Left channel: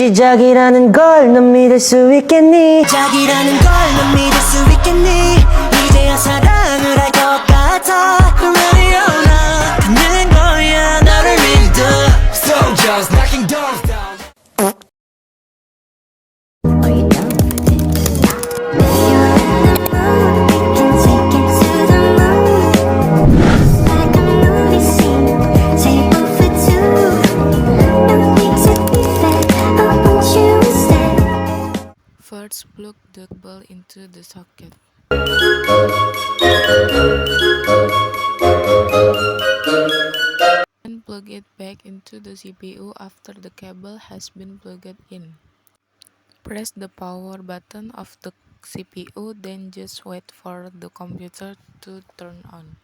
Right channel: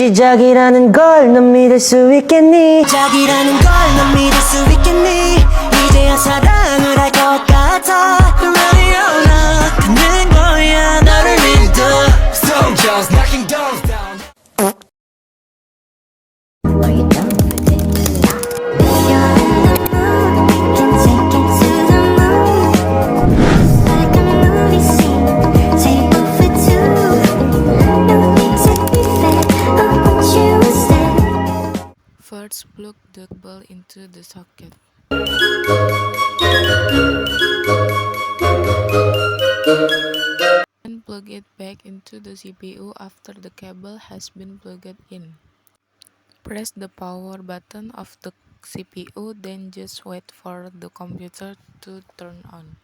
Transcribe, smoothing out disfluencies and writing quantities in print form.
시작이라는 걸 넌 믿을 수 있겠니? 시작이라는 걸 넌 믿을 수 있겠니? 이제야 사랑을 할 것 같아. Ready or not 가는 거야 너를 믿어. Soldiers knocking doors down. Are you down for this? If you're in the mood, we can take it to the moon. Just like a movie scene, table for two. No need to be fair, I want you instead. First, plug the ball into the socket. Then plug it back into the CPU after the cable has been plugged in. Press the power button of the CPU, then just wait for the computer to turn on.